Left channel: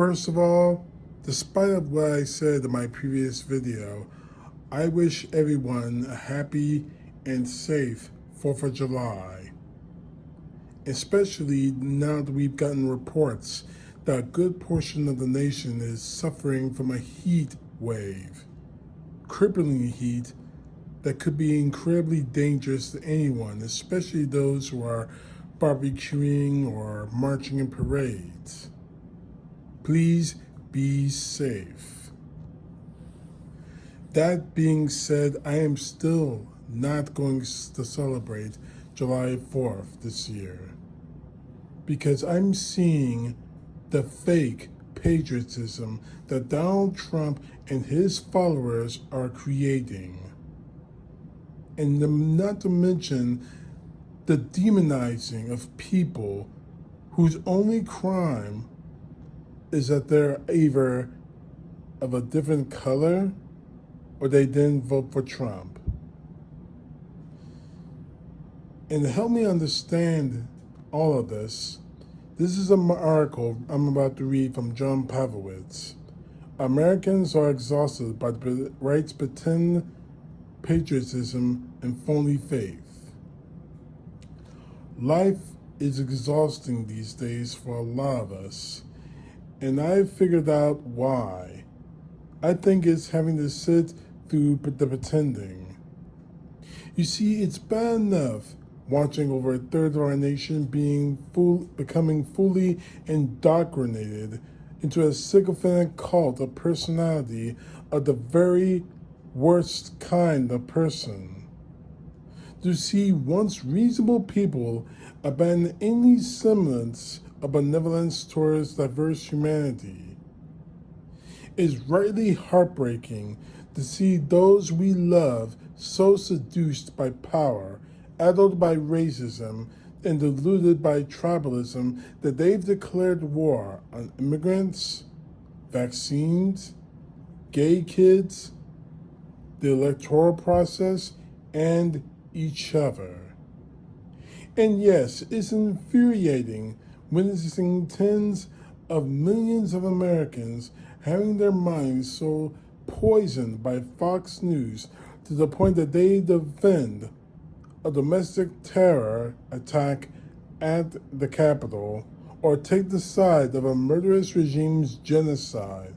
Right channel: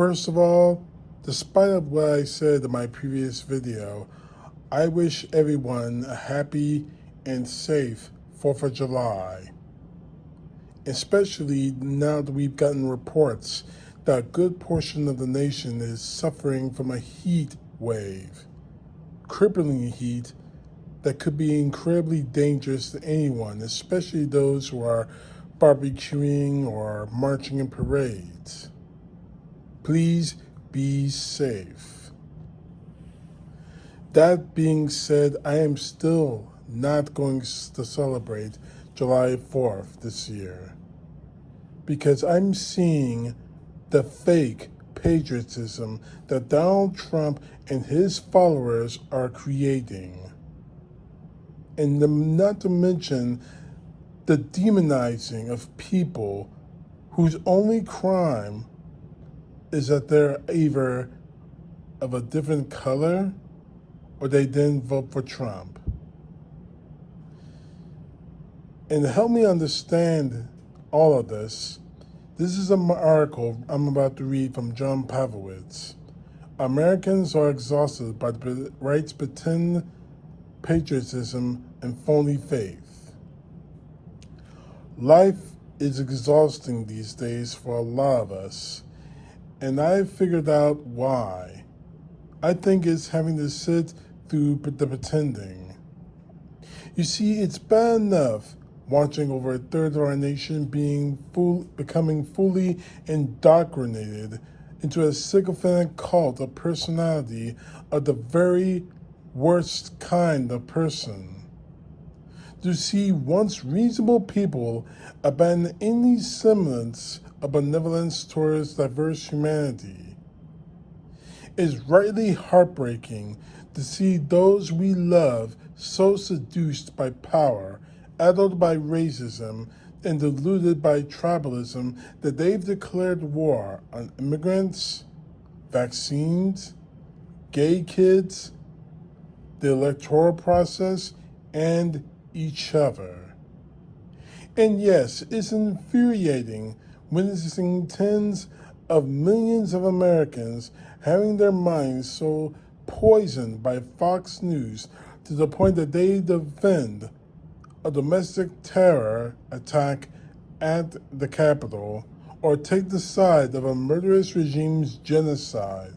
First of all, despite of what I said in my previous video, I wish everyone a happy and safe 4th of July, especially now that we've gotten reports that a good portion of the nation is suffering from a heat wave, crippling heat that could be incredibly dangerous to anyone, especially those who are barbecuing or marching in parades. Please be safe. That being said, I am still not going to celebrate July 4th this year because I'm seeing the fake patriotism that Donald Trump and his followers are creating. And not to mention the demonizing of people whose only crime is that they're either of a different color or they didn't vote for Trump. And to help me understand all of this, this is an article I'm about to read from John Pavlovitz. Americans are exhausted by the right's pretend patriotism and phony faith. Life is exhausting these days for a lot of us, and I figured out why. I think it's having to sit through the pretending. You see, it's bad enough watching over a third of our nation becoming fully indoctrinated into a sycophantic cult of personality of the very worst kind of person. To see once reasonable people abandon any semblance of benevolence towards diverse humanity. It is rightly heartbreaking to see those we love so seduced by power, addled by racism, and deluded by tribalism that they've declared war on immigrants, vaccines, gay kids, the electoral process, and each other. And yes, it's infuriating witnessing tens of millions of Americans having their minds so poisoned by Fox News to the point that they defend a domestic terror attack at the Capitol, or take the side of a murderous regime's genocide,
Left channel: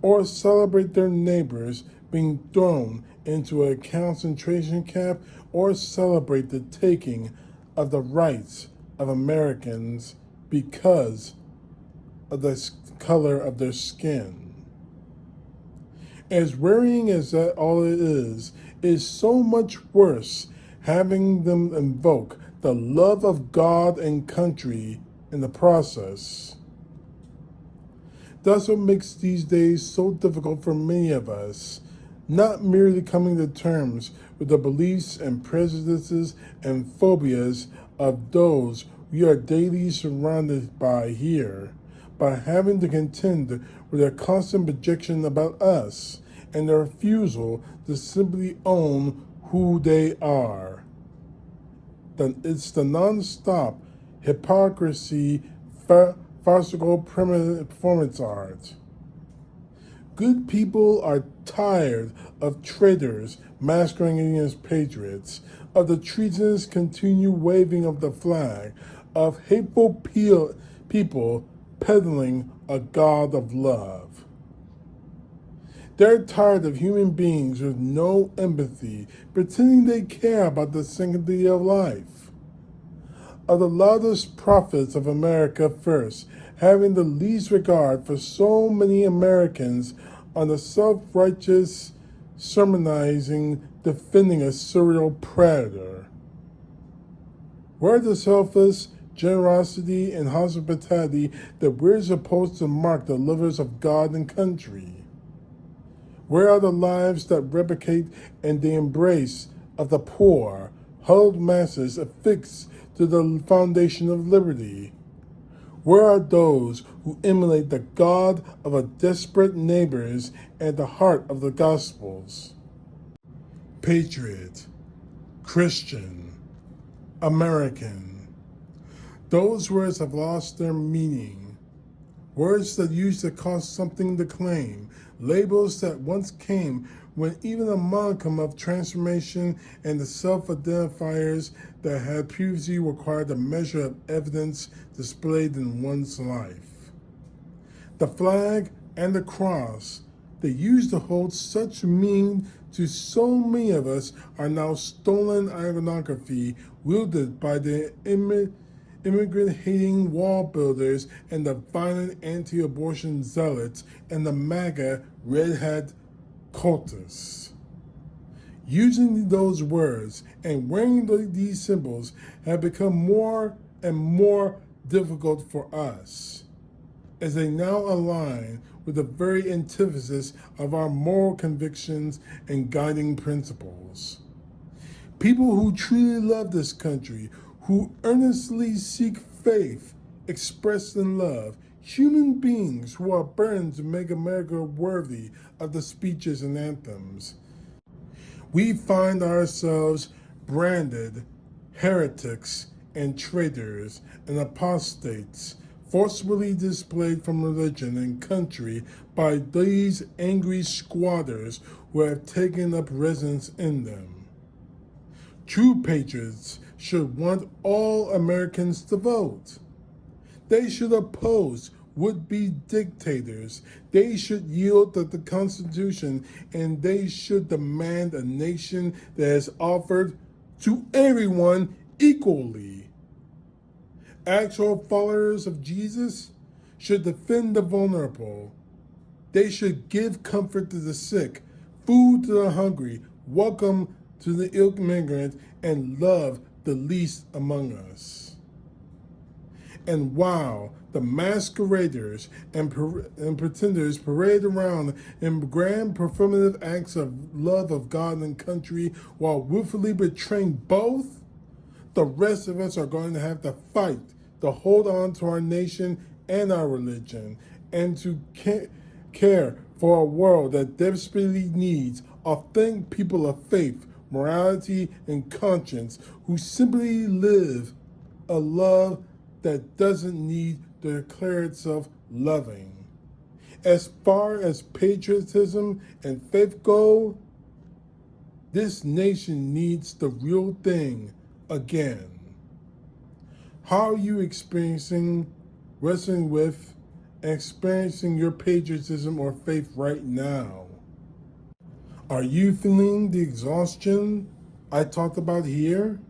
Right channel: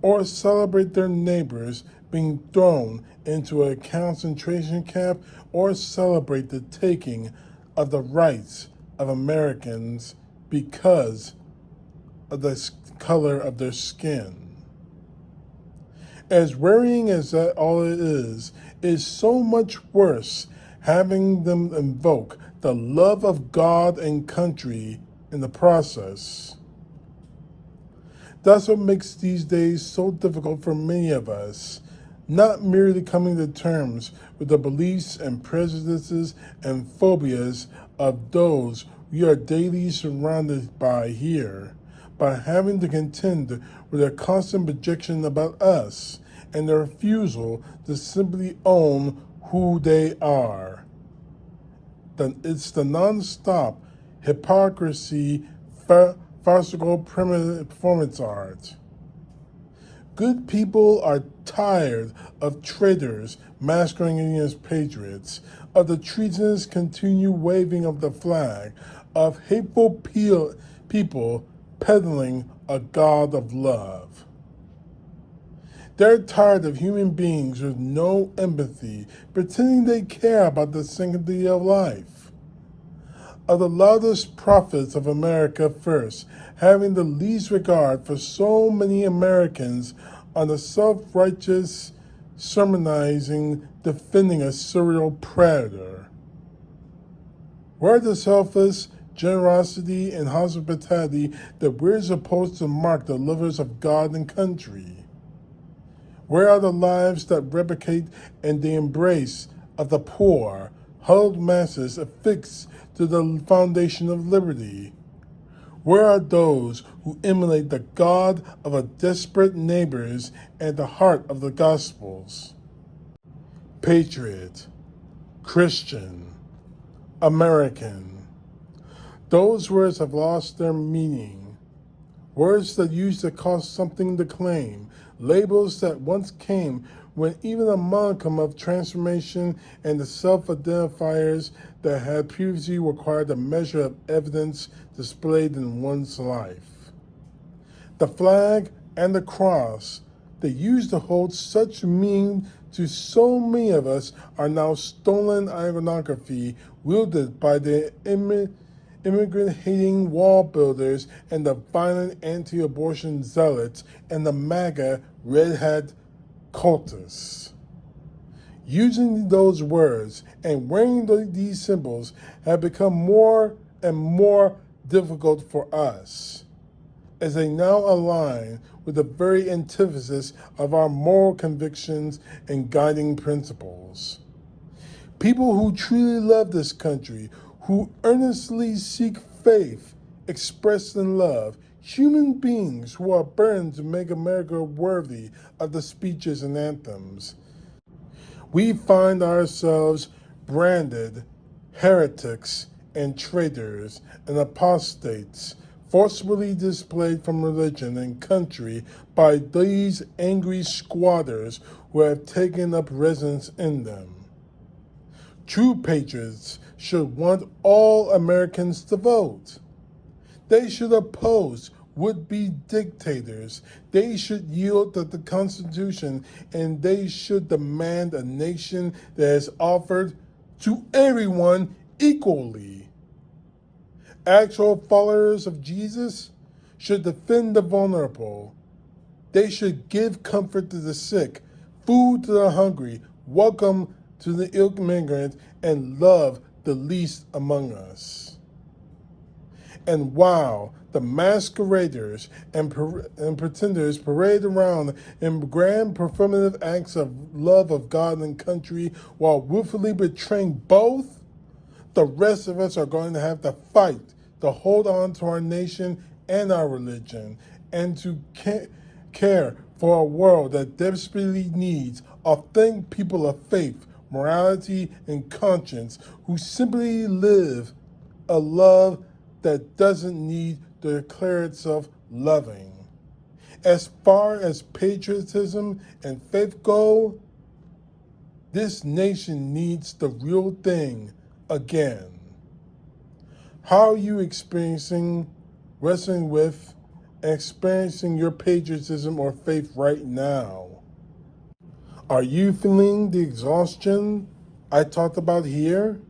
or celebrate their neighbors being thrown into a concentration camp, or celebrate the taking of the rights of Americans because of the color of their skin. As worrying as that all it is so much worse having them invoke the love of God and country in the process. That's what makes these days so difficult for many of us, not merely coming to terms with the beliefs and prejudices and phobias of those we are daily surrounded by here, by having to contend with their constant projection about us and their refusal to simply own who they are. It's the non-stop hypocrisy, farcical performance art. Good people are tired of traitors masquerading as patriots, of the treasonous continued waving of the flag, of hateful people peddling a God of love. They're tired of human beings with no empathy, pretending they care about the sanctity of life. Of the loudest prophets of America first, having the least regard for so many Americans on the self-righteous sermonizing, defending a serial predator. Where the selfless generosity and hospitality that we're supposed to mark the lovers of God and country? Where are the lives that replicate and the embrace of the poor, huddled masses affixed to the foundation of liberty? Where are those who emulate the God of a desperate neighbors and the heart of the Gospels? Patriot, Christian, American. Those words have lost their meaning. Words that used to cost something to claim. Labels that once came with even a modicum of transformation, and the self-identifiers that had previously required a measure of evidence displayed in one's life. The flag and the cross that used to hold such meaning to so many of us are now stolen iconography wielded by the immigrant-hating wall builders and the violent anti-abortion zealots and the MAGA red hat cultists. Using those words and wearing these symbols have become more and more difficult for us, as they now align with the very antithesis of our moral convictions and guiding principles. People who truly love this country, who earnestly seek faith expressed in love, human beings who are burdened to make America worthy of the speeches and anthems. We find ourselves branded heretics and traitors and apostates, forcibly displayed from religion and country by these angry squatters who have taken up residence in them. True patriots should want all Americans to vote. They should oppose would-be dictators. They should yield to the Constitution, and they should demand a nation that is offered to everyone equally. Actual followers of Jesus should defend the vulnerable. They should give comfort to the sick, food to the hungry, welcome to the immigrant, and love the least among us. And while the masqueraders and pretenders parade around in grand performative acts of love of God and country while willfully betraying both, the rest of us are going to have to fight to hold on to our nation and our religion, and to care for a world that desperately needs authentic people of faith, morality, and conscience who simply live a love that doesn't need to declare itself loving. As far as patriotism and faith go, this nation needs the real thing again. How are you experiencing, wrestling with, and experiencing your patriotism or faith right now? Are you feeling the exhaustion I talked about here?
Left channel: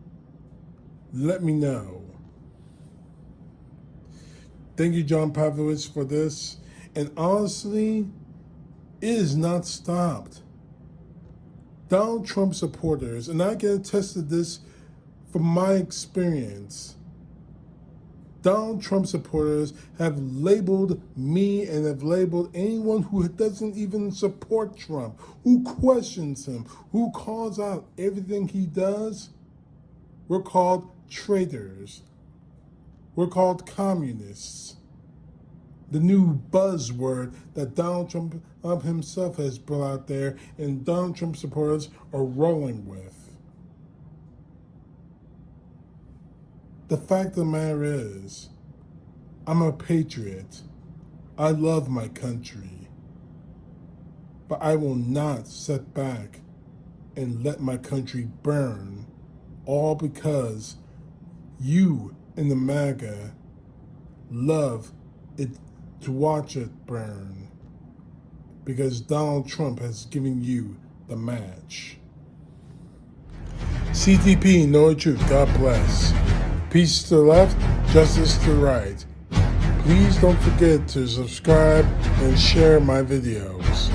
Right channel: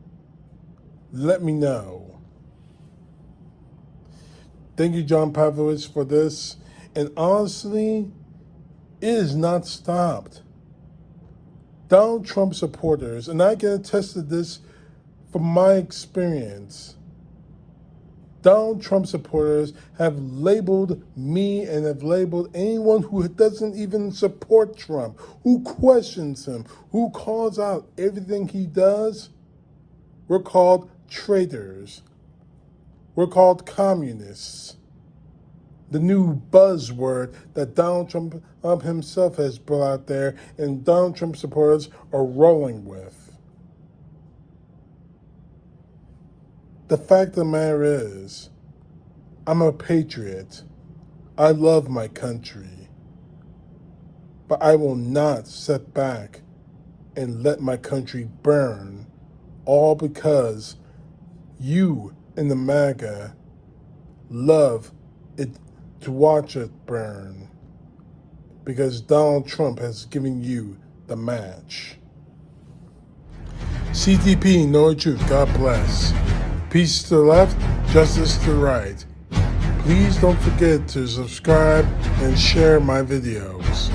Let me know. Thank you, John Pavlovich, for this. And honestly, it is not stopped. Donald Trump supporters, and I can attest to this from my experience, Donald Trump supporters have labeled me and have labeled anyone who doesn't even support Trump, who questions him, who calls out everything he does. We're called traitors. We're called communists. The new buzzword that Donald Trump himself has brought out there and Donald Trump supporters are rolling with. The fact of the matter is, I'm a patriot. I love my country. But I will not sit back and let my country burn, all because you in the MAGA love it to watch it burn, because Donald Trump has given you the match. CTP, know the truth. God bless. Peace to the left, justice to the right. Please don't forget to subscribe and share my videos.